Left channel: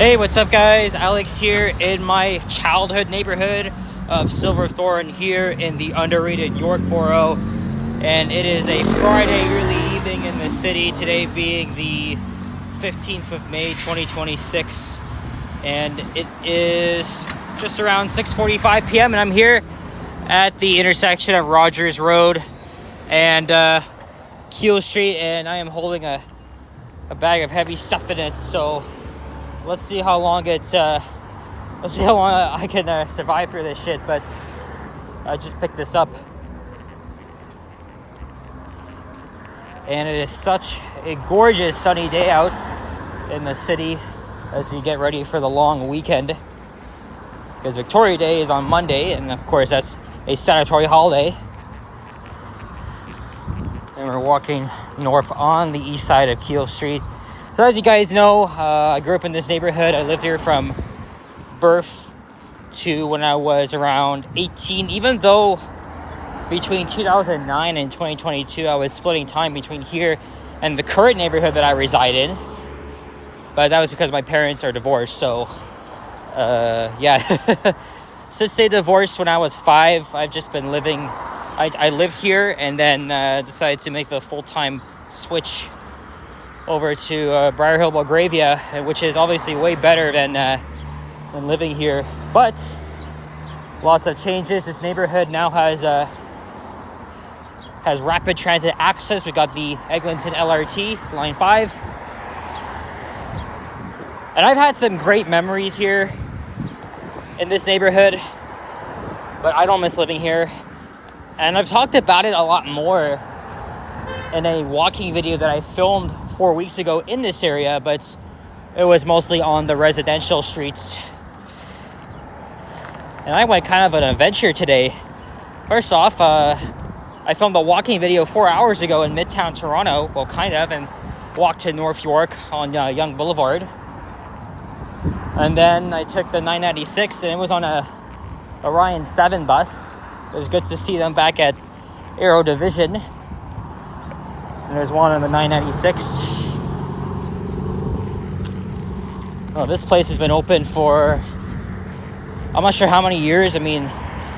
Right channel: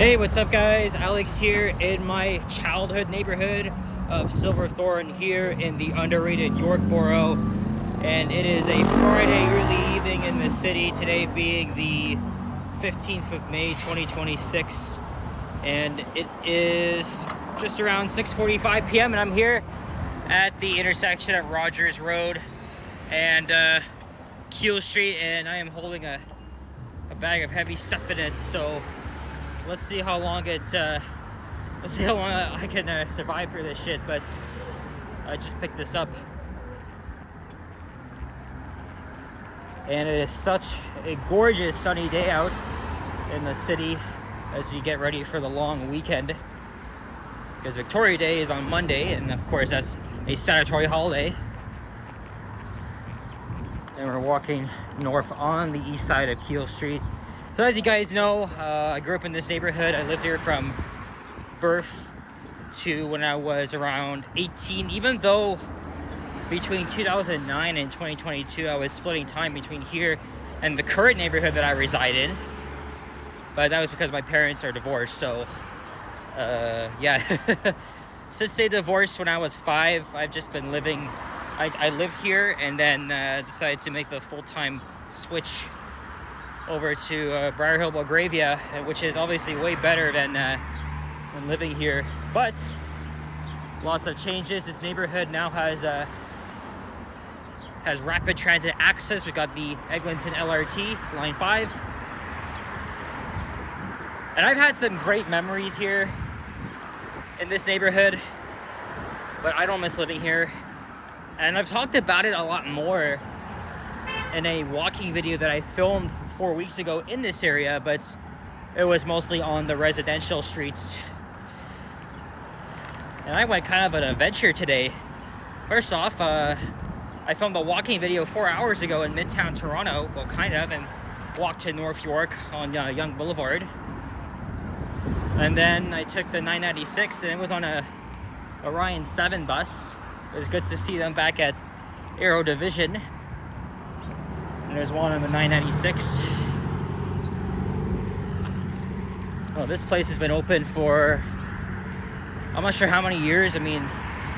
Hey, what's up guys? Alex here in my childhood neighborhood of Silverthorn here in the underrated York Borough. And it is a Friday early evening in the city, today being the 15th of May 2026. And it is just around 6:45 p.m. and I'm here at the intersection of Rogers Road and Keel Street, and I am holding a bag of heavy stuff in it. So let's see how long I can survive through this shit. But I just picked this up, and it is such a gorgeous sunny day out in the city as we get ready for the long weekend, because Victoria Day is on Monday, and of course that's a statutory holiday. And we're walking north on the east side of Keel Street. So as you guys know, I grew up in this neighborhood. I lived here from birth to when I was around 18, even though between 2009 and 2022, I was splitting time between here and the current neighborhood that I reside in. But that was because my parents are divorced. So, yeah. Since they divorced when I was 5, I've just been living. I lived here and then decided to make the full-time switch over to Briar Hill, Belgravia, which is obviously way better than living here. But lots of changes. This neighborhood now has rapid transit access. We got the Eglinton LRT, Line 5. And I've had some great memories here in this neighborhood, but I don't miss living here. And I've talked about it a lot more in a walking video that I filmed 4 weeks ago in this area, but it was mostly on the residential streets. And I went kind of an adventure today. First off, I filmed a walking video 4 hours ago in Midtown Toronto, well, kind of, and walked to North York on Yonge Boulevard. And then I took the 996, and it was on a Orion 7 bus. It was good to see them back at Aero Division. And there's one on the 996. Oh, this place has been open for I'm not sure how many years. I mean,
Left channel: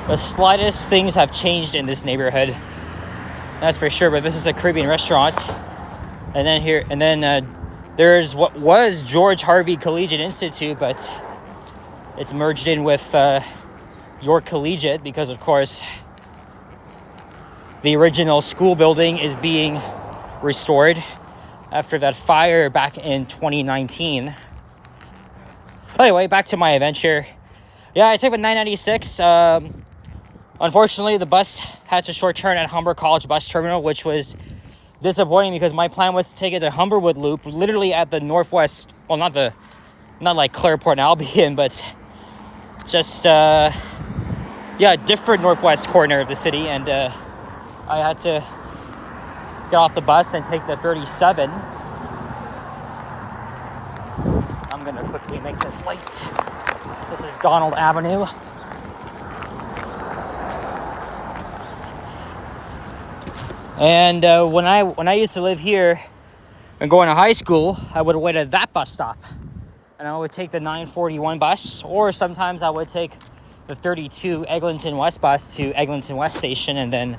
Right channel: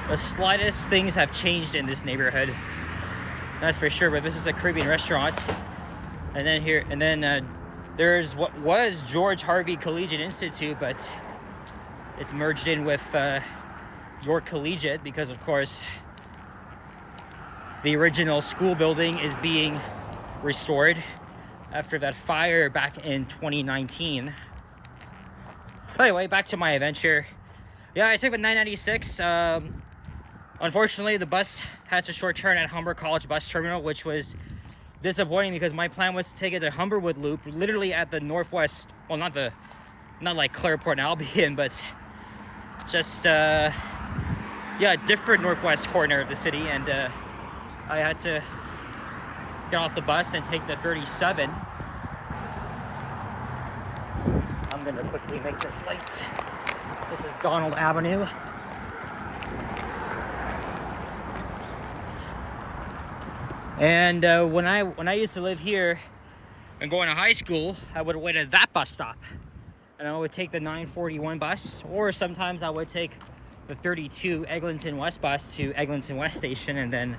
the slightest things have changed in this neighborhood, that's for sure. But this is a Caribbean restaurant. And then there's what was George Harvey Collegiate Institute, but it's merged in with York Collegiate because, of course, the original school building is being restored after that fire back in 2019. Anyway, back to my adventure. Yeah, I took a 996. Unfortunately, the bus had to short turn at Humber College Bus Terminal, which was disappointing because my plan was to take it to Humberwood Loop, literally at the northwest, well, not like Clareport and Albion, but just different northwest corner of the city. And I had to get off the bus and take the 37. I'm gonna quickly make this light. This is Donald Avenue. And when I used to live here and going to high school, I would wait at that bus stop, and I would take the 941 bus, or sometimes I would take the 32 Eglinton West bus to Eglinton West Station, and then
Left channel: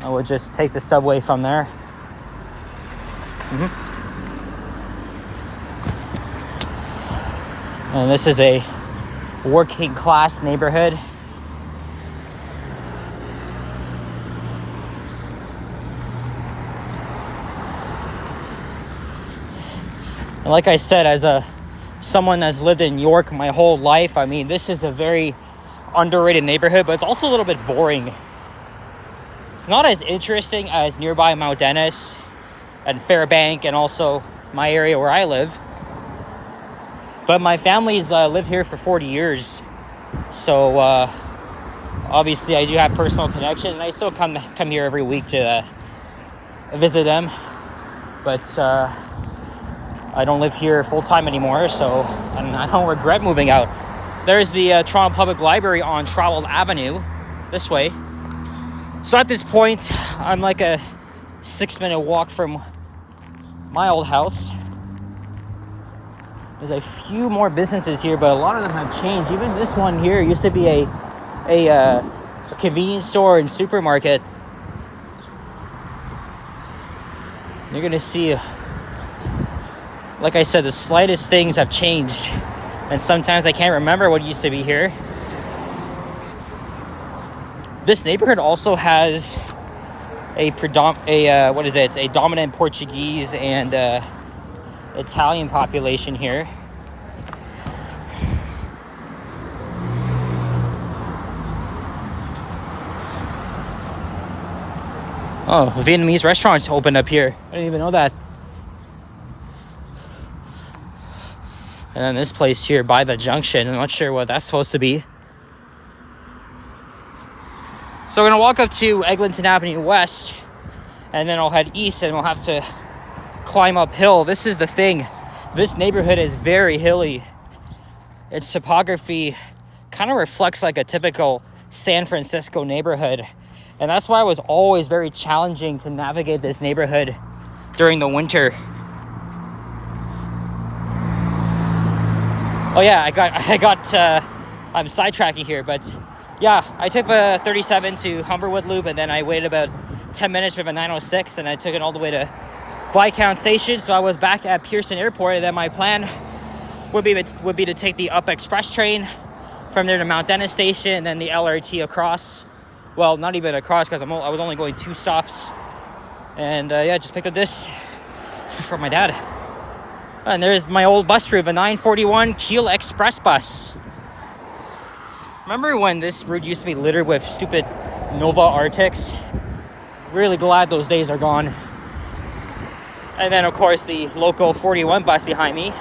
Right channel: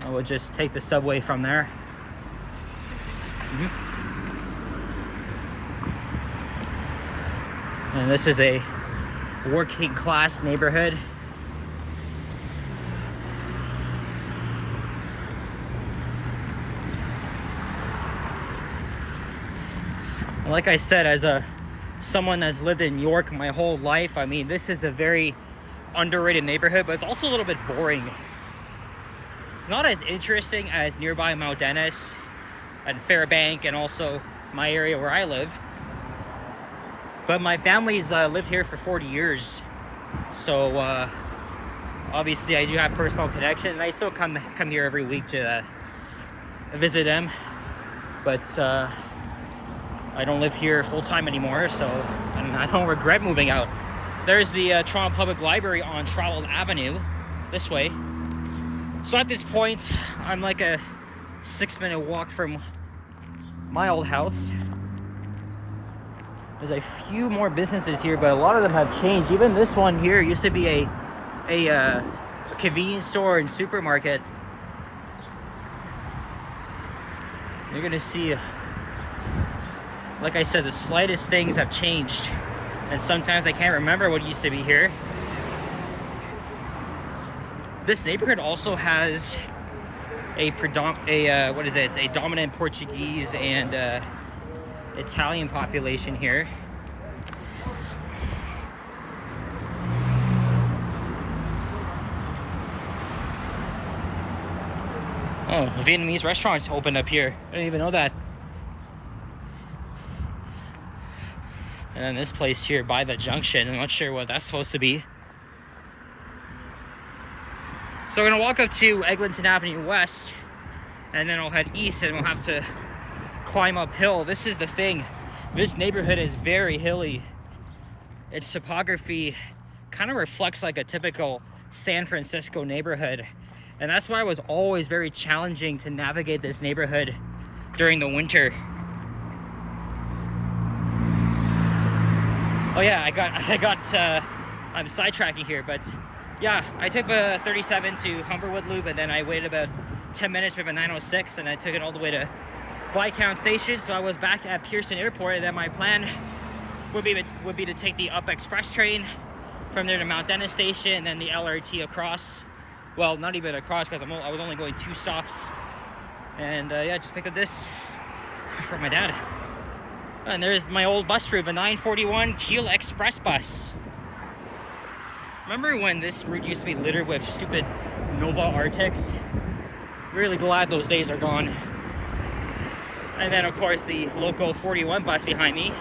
I would just take the subway from there. And this is a working class neighborhood. And like I said, as someone that's lived in York my whole life, I mean, this is a very underrated neighborhood, but it's also a little bit boring. It's not as interesting as nearby Mount Dennis and Fairbank, and also my area where I live. But my family's lived here for 40 years. So obviously I do have personal connections, and I still come here every week to visit them. But I don't live here full time anymore, so I don't regret moving out. There's the Toronto Public Library on Traveled Avenue, this way. So at this point, I'm like a 6-minute walk from my old house. There's a few more businesses here, but a lot of them have changed. Even this one here used to be a convenience store and supermarket. You're gonna see, like I said, the slightest things have changed, and sometimes I can't remember what used to be here. This neighborhood also has a dominant Portuguese and Italian population here. Oh, a Vietnamese restaurant opened up here. I didn't even know that. And then this place here by the junction, I'm not sure what that's supposed to be. So we're gonna walk up to Eglinton Avenue West, and then I'll head east, and we'll have to climb uphill. This is the thing. This neighborhood is very hilly. Its topography kind of reflects like a typical San Francisco neighborhood. And that's why it was always very challenging to navigate this neighborhood during the winter. Oh yeah, I'm sidetracking here, but yeah, I took the 37 to Humberwood Loop, and then I waited about 10 minutes for the 906, and I took it all the way to Viscount Station. So I was back at Pearson Airport, and then my plan would be to take the Up Express train from there to Mount Dennis Station, and then the LRT across. Well, not even across, because I was only going 2 stops. And yeah, just picked up this from my dad. And there's my old bus route, the 941 Keel Express bus. Remember when this route used to be littered with stupid Nova Arctics? Really glad those days are gone. And then, of course, the local 41 bus behind me.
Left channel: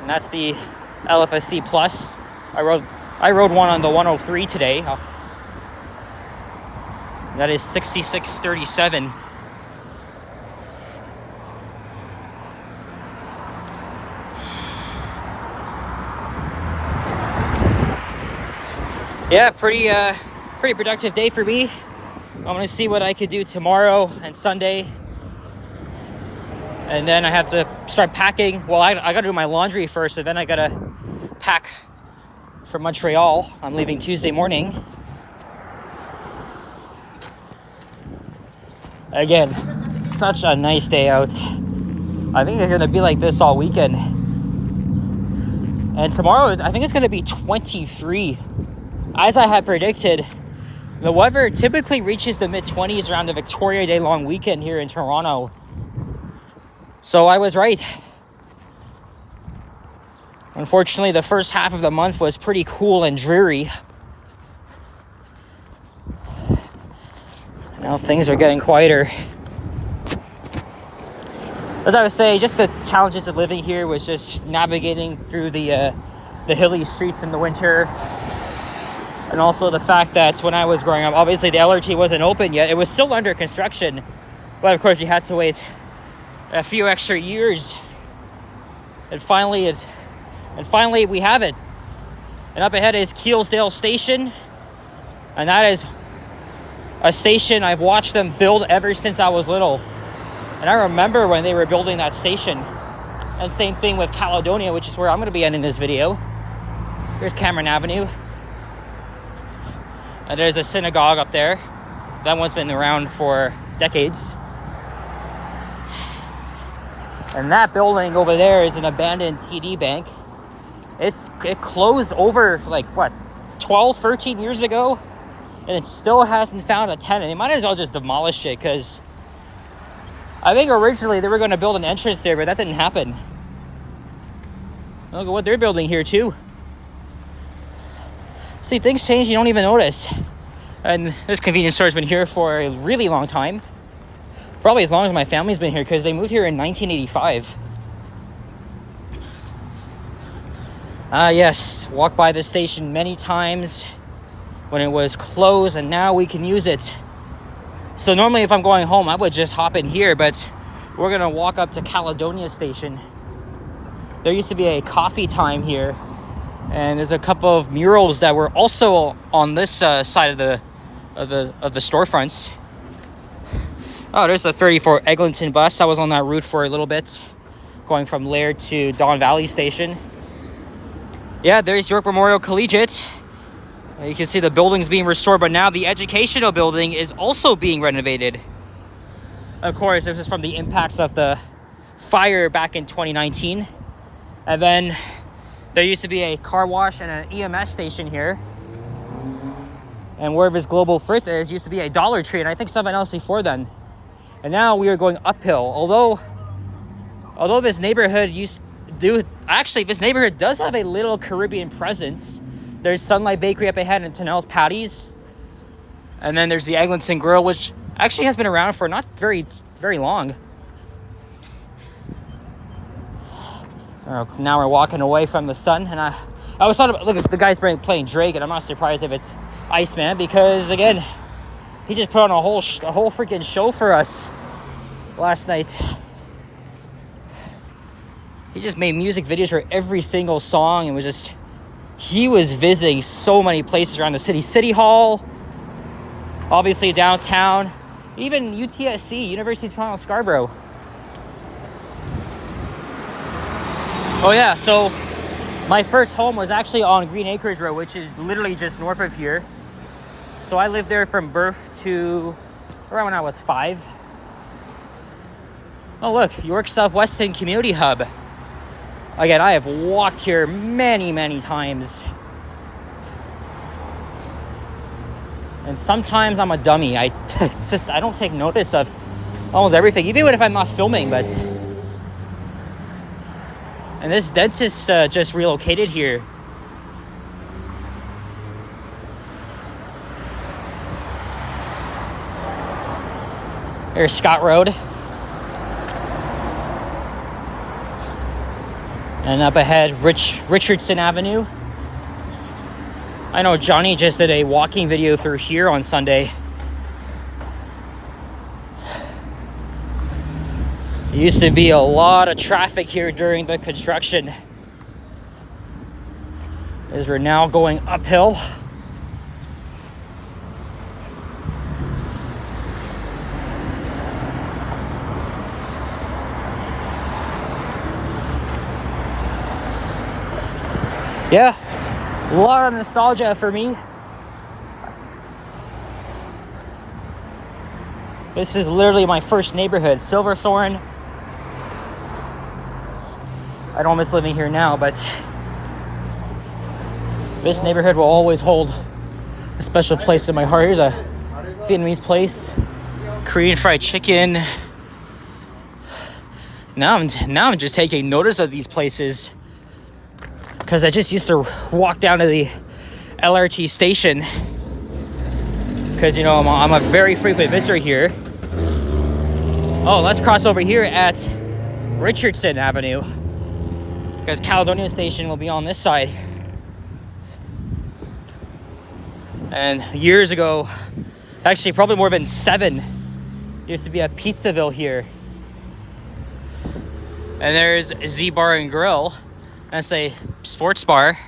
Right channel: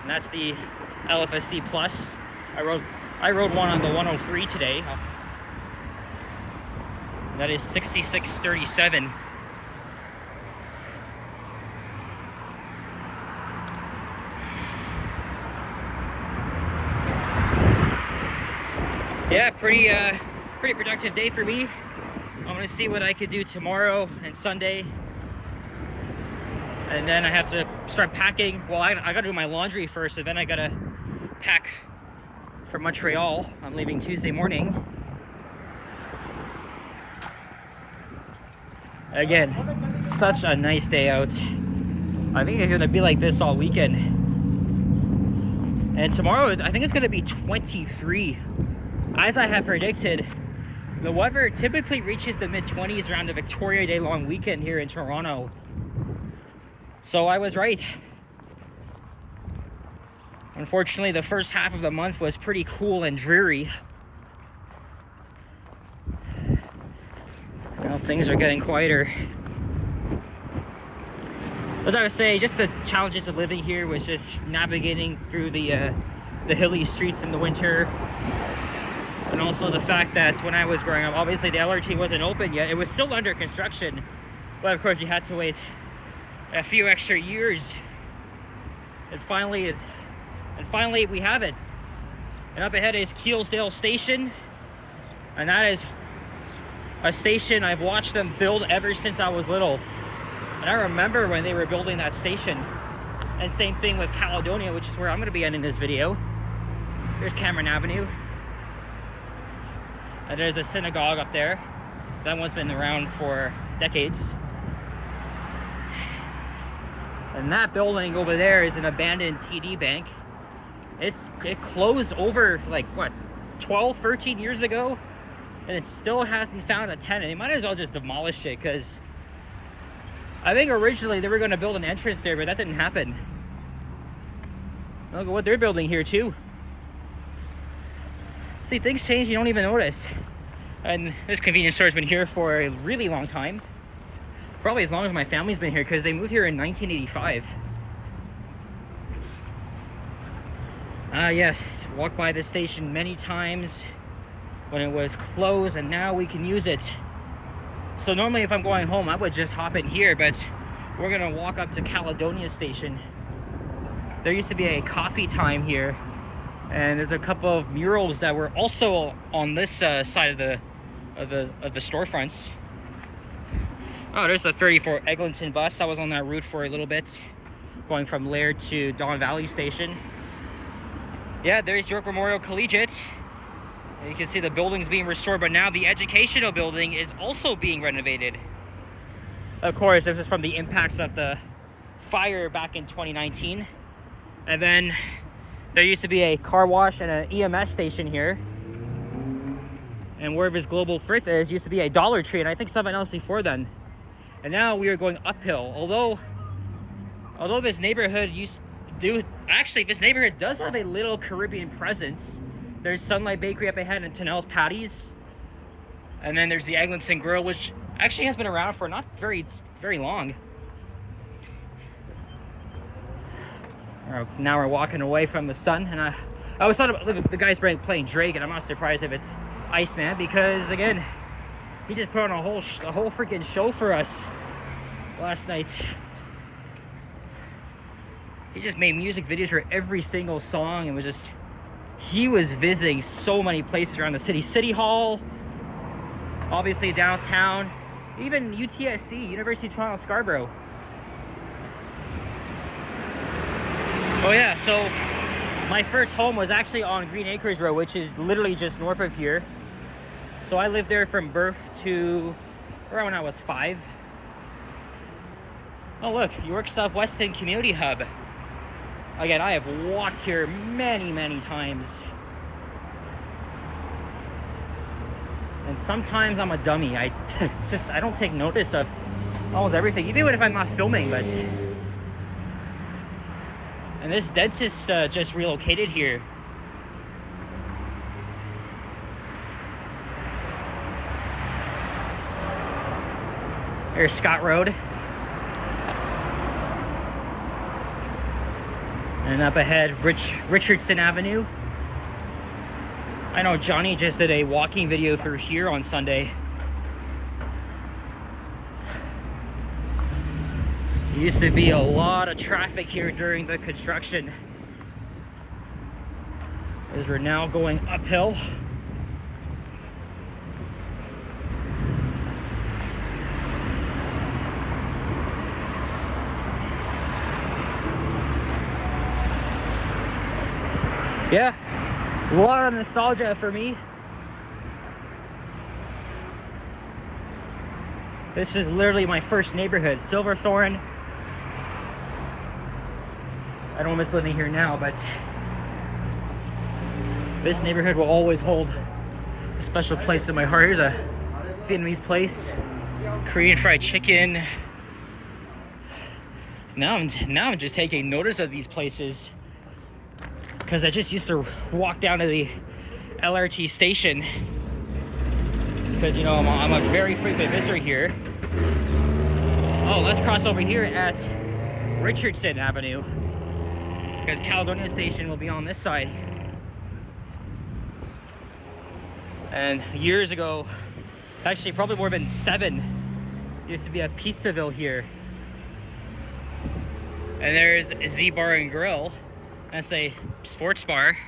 And that's the LFSC Plus. I rode one on the 103 today. That is 6637. Yeah, pretty productive day for me. I'm gonna see what I could do tomorrow and Sunday. And then I have to start packing. Well, I gotta do my laundry first, and then I gotta pack for Montreal. I'm leaving Tuesday morning. Again, such a nice day out. I think it's gonna be like this all weekend. And tomorrow, I think it's gonna be 23. As I had predicted, the weather typically reaches the mid-20s around the Victoria Day long weekend here in Toronto. So I was right. Unfortunately, the first half of the month was pretty cool and dreary. Now things are getting quieter. As I was saying, just the challenges of living here was just navigating through the hilly streets in the winter. And also the fact that when I was growing up, obviously the LRT wasn't open yet. It was still under construction. But of course, you had to wait a few extra years. And finally we have it. And up ahead is Keelesdale Station. And that is a station I've watched them build ever since I was little. And I remember when they were building that station. And same thing with Caledonia, which is where I'm going to be ending this video. Here's Cameron Avenue. And there's a synagogue up there. That one's been around for decades. And that building over there is an abandoned TD bank. It closed over like what, 12, 13 years ago, and it still hasn't found a tenant. They might as well just demolish it, because I think originally they were going to build an entrance there, but that didn't happen. Look at what they're building here too. See, things change, you don't even notice. And this convenience store has been here for a really long time. Probably as long as my family's been here, because they moved here in 1985. Yes, walked by this station many times when it was closed, and now we can use it. So normally if I'm going home, I would just hop in here, but we're gonna walk up to Caledonia Station. There used to be a coffee time here, and there's a couple of murals that were also on this side of the storefronts. Oh, there's the 34 Eglinton bus. I was on that route for a little bit. Of going from Laird to Don Valley Station. Yeah, there's York Memorial Collegiate. You can see the building's being restored, but now the educational building is also being renovated. Of course, this is from the impacts of the fire back in 2019. And then there used to be a car wash and an EMS station here. And wherever his Global Firth is, used to be a Dollar Tree, and I think something else before then. And now we are going uphill. Although this neighborhood this neighborhood does have a little Caribbean presence. There's Sunlight Bakery up ahead and Tennell's Patties. And then there's the Eglinton Grill, which actually has been around for not very, very long. Now we're walking away from the sun, and I always thought about, look at the guy's playing Drake, and I'm not surprised if it's Iceman, because again, he just put on a whole freaking show for us last night. He just made music videos for every single song, and he was visiting so many places around the city. City Hall, obviously downtown, even UTSC, University of Toronto Scarborough. Oh yeah, so my first home was actually on Green Acres Road, which is literally just north of here. So I lived there from birth to around when I was 5. Oh look, York Southwestern Community Hub. Again, I have walked here many, many times. And sometimes I'm a dummy. I don't take notice of almost everything, even if I'm not filming, but... And this dentist just relocated here. There's Scott Road. And up ahead, Richardson Avenue. I know Johnny just did a walking video through here on Sunday. There used to be a lot of traffic here during the construction, as we're now going uphill. Yeah, a lot of nostalgia for me. This is literally my first neighborhood, Silverthorn. I don't miss living here now, but this neighborhood will always hold a special place in my heart. Here's a Vietnamese place, Korean fried chicken. Now I'm just taking notice of these places, because I just used to walk down to the LRT station, because you know I'm a very frequent visitor here. Oh, let's cross over here at Richardson Avenue, because Caledonia Station will be on this side. And years ago, actually probably more than 7, used to be a Pizzaville here. And there's Z Bar and Grill. That's a sports bar.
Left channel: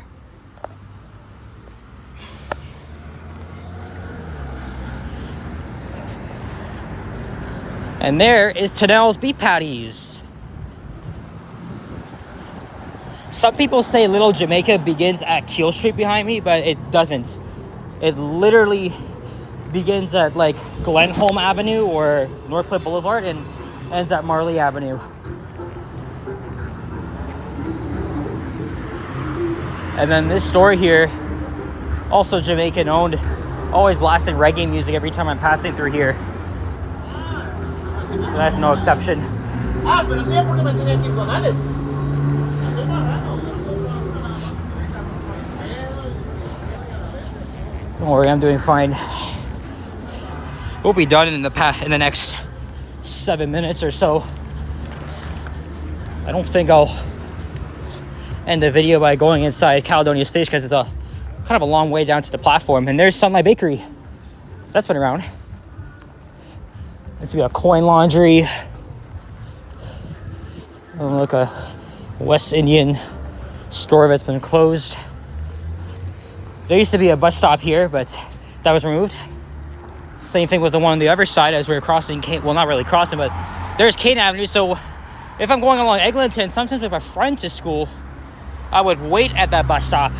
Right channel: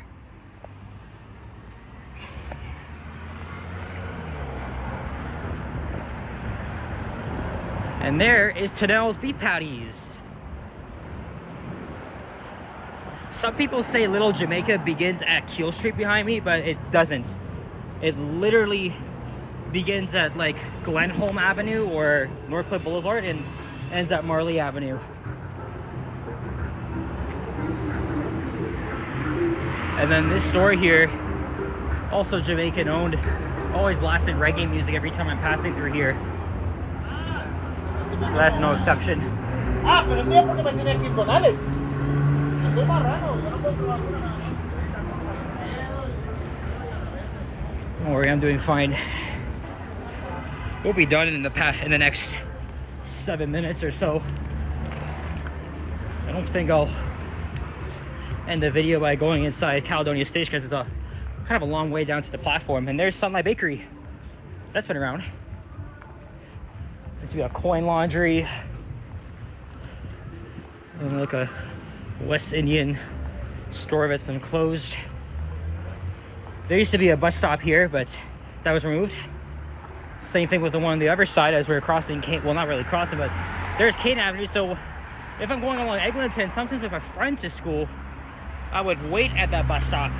And there is Tennell's Beef Patties. Some people say Little Jamaica begins at Keel Street behind me, but it doesn't. It literally begins at like Glenholm Avenue or Northcliffe Boulevard and ends at Marley Avenue. And then this store here, also Jamaican owned, always blasting reggae music every time I'm passing through here. So that's no exception. Don't worry, I'm doing fine. We'll be done in the next 7 minutes or so. I don't think I'll end the video by going inside Caledonia Station, because it's a kind of a long way down to the platform. And there's Sunlight Bakery. That's been around. This would be a coin laundry. Like a West Indian store that's been closed. There used to be a bus stop here, but that was removed. Same thing with the one on the other side as we were crossing, well, not really crossing, but there's Kane Avenue. So if I'm going along Eglinton, sometimes with a friend to school, I would wait at that bus stop.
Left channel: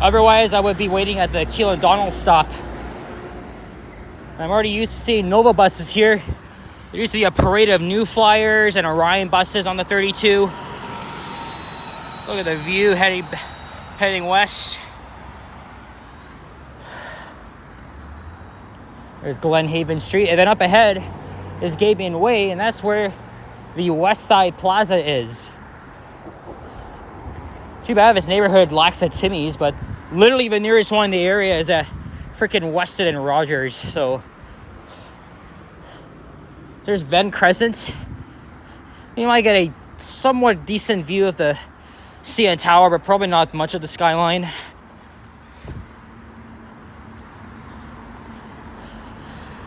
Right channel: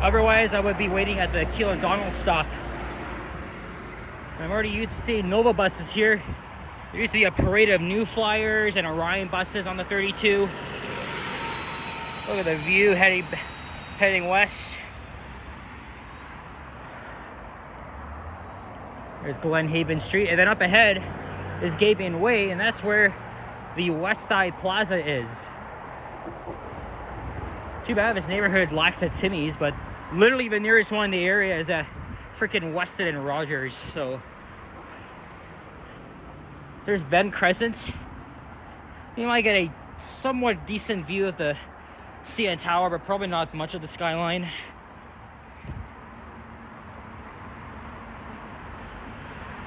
Otherwise, I would be waiting at the Keel and Donald stop. I'm already used to seeing Nova buses here. There used to be a parade of New Flyers and Orion buses on the 32. Look at the view heading west. There's Glenhaven Street, and then up ahead is Gabion Way, and that's where the West Side Plaza is. Too bad this neighborhood lacks a Timmy's, but literally the nearest one in the area is at freaking Weston and Rogers. So there's Venn Crescent. You might get a somewhat decent view of the CN Tower, but probably not much of the skyline.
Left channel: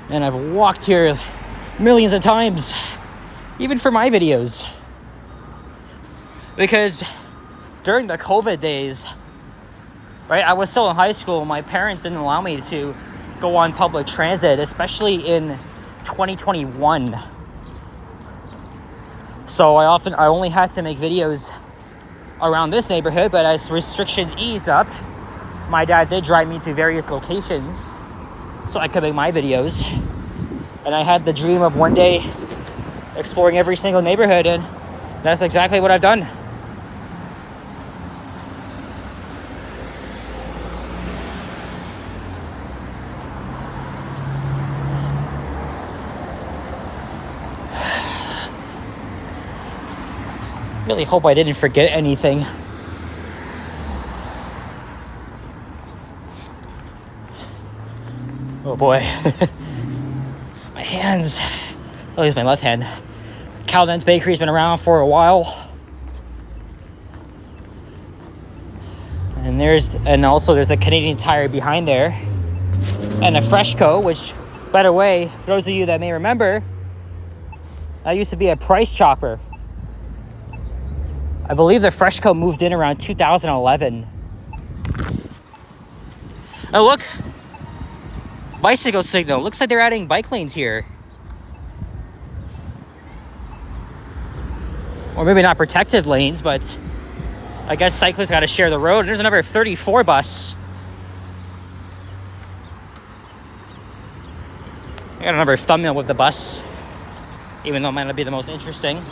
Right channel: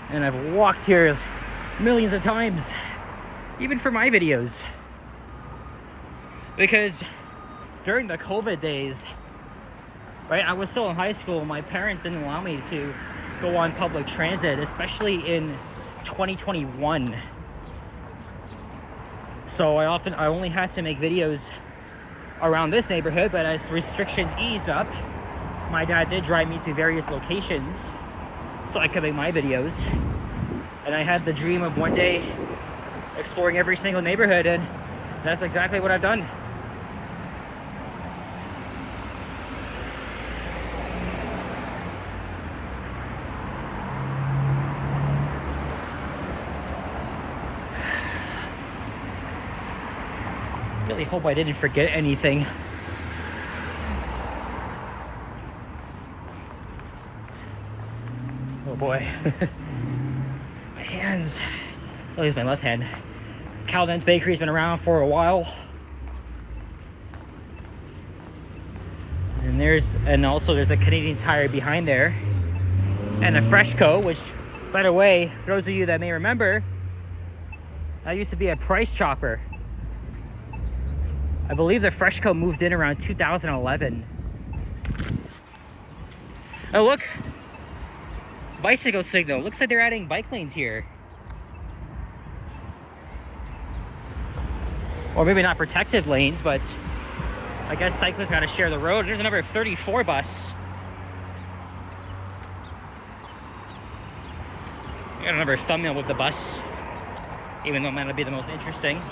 And I've walked here millions of times, even for my videos. Because during the COVID days, right, I was still in high school. My parents didn't allow me to go on public transit, especially in 2021. So I only had to make videos around this neighborhood, but as restrictions ease up, my dad did drive me to various locations so I could make my videos. And I had the dream of one day exploring every single neighborhood, and that's exactly what I've done. Really hope I didn't forget anything. Oh boy. My hands. Oh, here's my left hand. Cowden's Bakery's been around for a while. And also there's a Canadian Tire behind there. And a Freshco, which, by the way, for those of you that may remember, that used to be a Price Chopper. I believe the Freshco moved in around 2011. Oh, look. Bicycle signal. Looks like they're adding bike lanes here. Or maybe not protected lanes, but I guess cyclists got to share the road. There's another 34 bus. I got another thumbnail with the bus, even though it might not be the most interesting.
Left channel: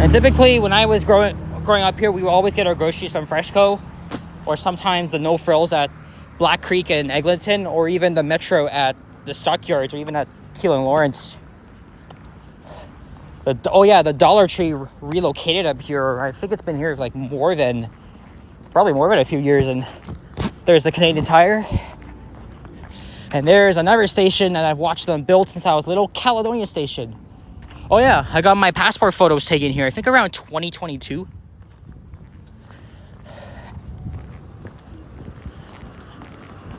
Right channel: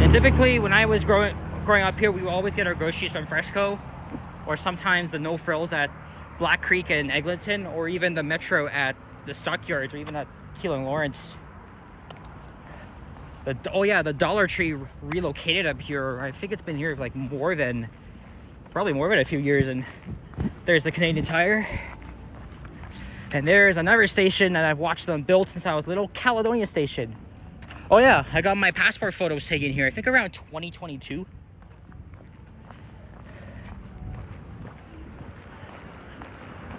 And typically, when I was growing up here, we would always get our groceries from Freshco, or sometimes the No Frills at Black Creek and Eglinton, or even the Metro at the Stockyards, or even at Keel and Lawrence. The Dollar Tree relocated up here. I think it's been here for like probably more than a few years. And there's the Canadian Tire. And there's another station that I've watched them build since I was little, Caledonia Station. Oh yeah, I got my passport photos taken here, I think around 2022.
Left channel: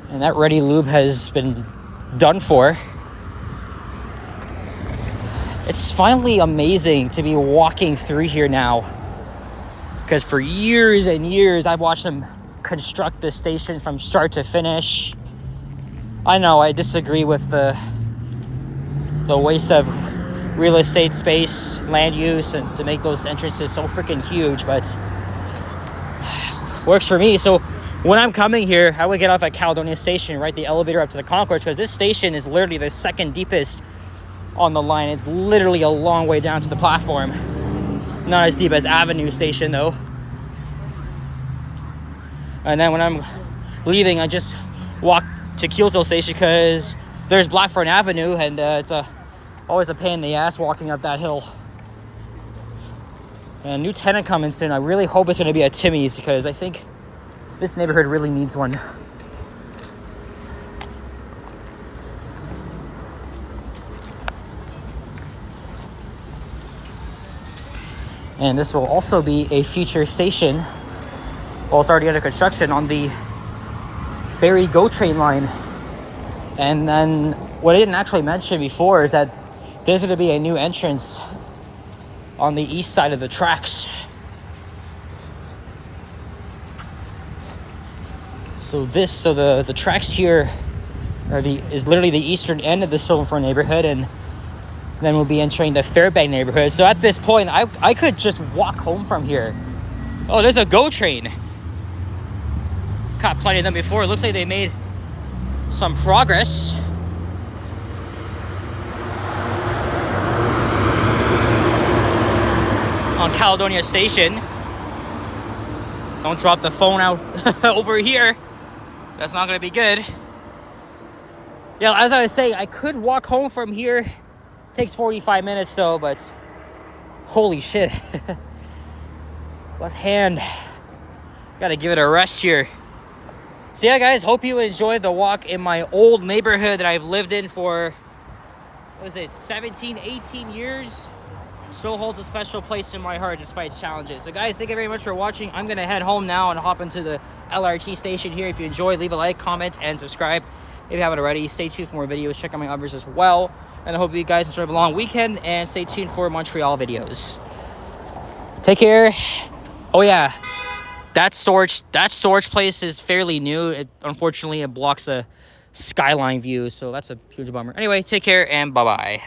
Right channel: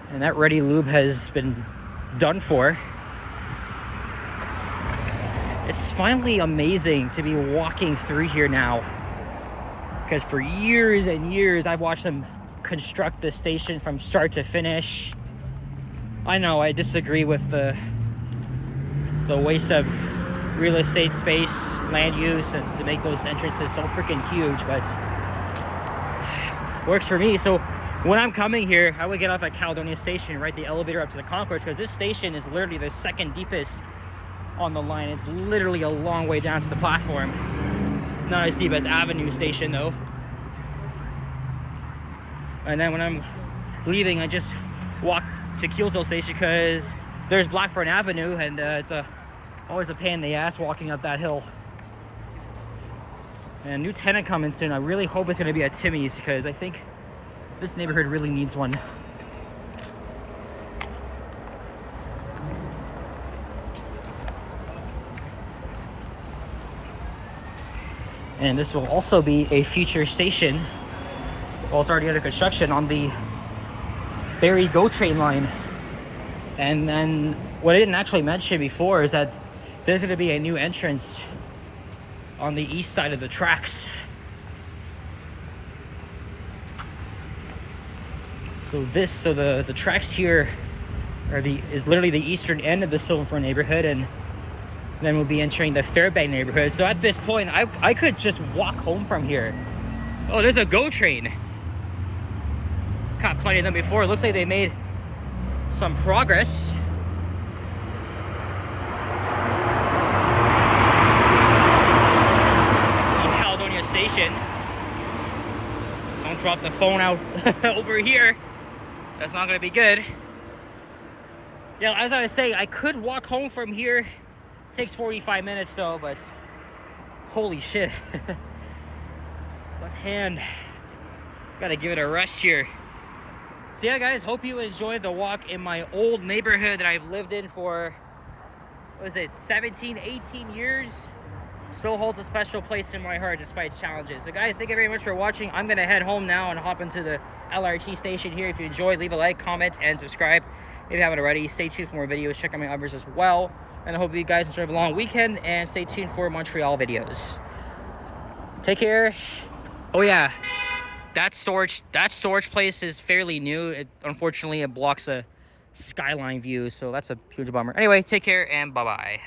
And that Ready Lube has been done for. It's finally amazing to be walking through here now. Because for years and years, I've watched them construct this station from start to finish. I know I disagree with the waste of real estate space, land use, and to make those entrances so freaking huge, but works for me. So when I'm coming here, I would get off at Caledonia Station, ride the elevator up to the concourse, because this station is literally the second deepest on the line. It's literally a long way down to the platform. Not as deep as Avenue Station though. And then when I'm leaving, I just walk to Keelesdale Station because there's Blackthorn Avenue, and it's always a pain in the ass walking up that hill. And a new tenant coming soon. I really hope it's going to be a Timmy's, because I think this neighborhood really needs one. And this will also be a future station. Well, it's already under construction on the Barrie GO train line. And then what I didn't actually mention before is that there's going to be a new entrance on the east side of the tracks. So the tracks here is literally the eastern end of the Silverthorn neighborhood, and then we'll be entering the Fairbank neighborhood. So at this point, I could just walk home from here. Oh, there's a GO train. Caught plenty of them before. It looks like they made some progress. On Caledonia Station. Don't drop the phone out over here. That's not gonna be good. Yeah, as I was saying, I could walk home from here. Takes 45 minutes though, but holy shit. Left hand. Gotta give it a rest here. So yeah, guys, hope you enjoyed the walk in my old neighborhood that I've lived in for, what is it, 17, 18 years? Still holds a special place in my heart despite challenges. So guys, thank you very much for watching. I'm gonna head home now and hop into the LRT station here. If you enjoyed, leave a like, comment, and subscribe if you haven't already. Stay tuned for more videos. Check out my others as well. And I hope you guys enjoy the long weekend, and stay tuned for Montreal videos. Take care. Oh yeah, that storage place is fairly new. Unfortunately, it blocks a skyline view, so that's a huge bummer. Anyway, take care and bye-bye.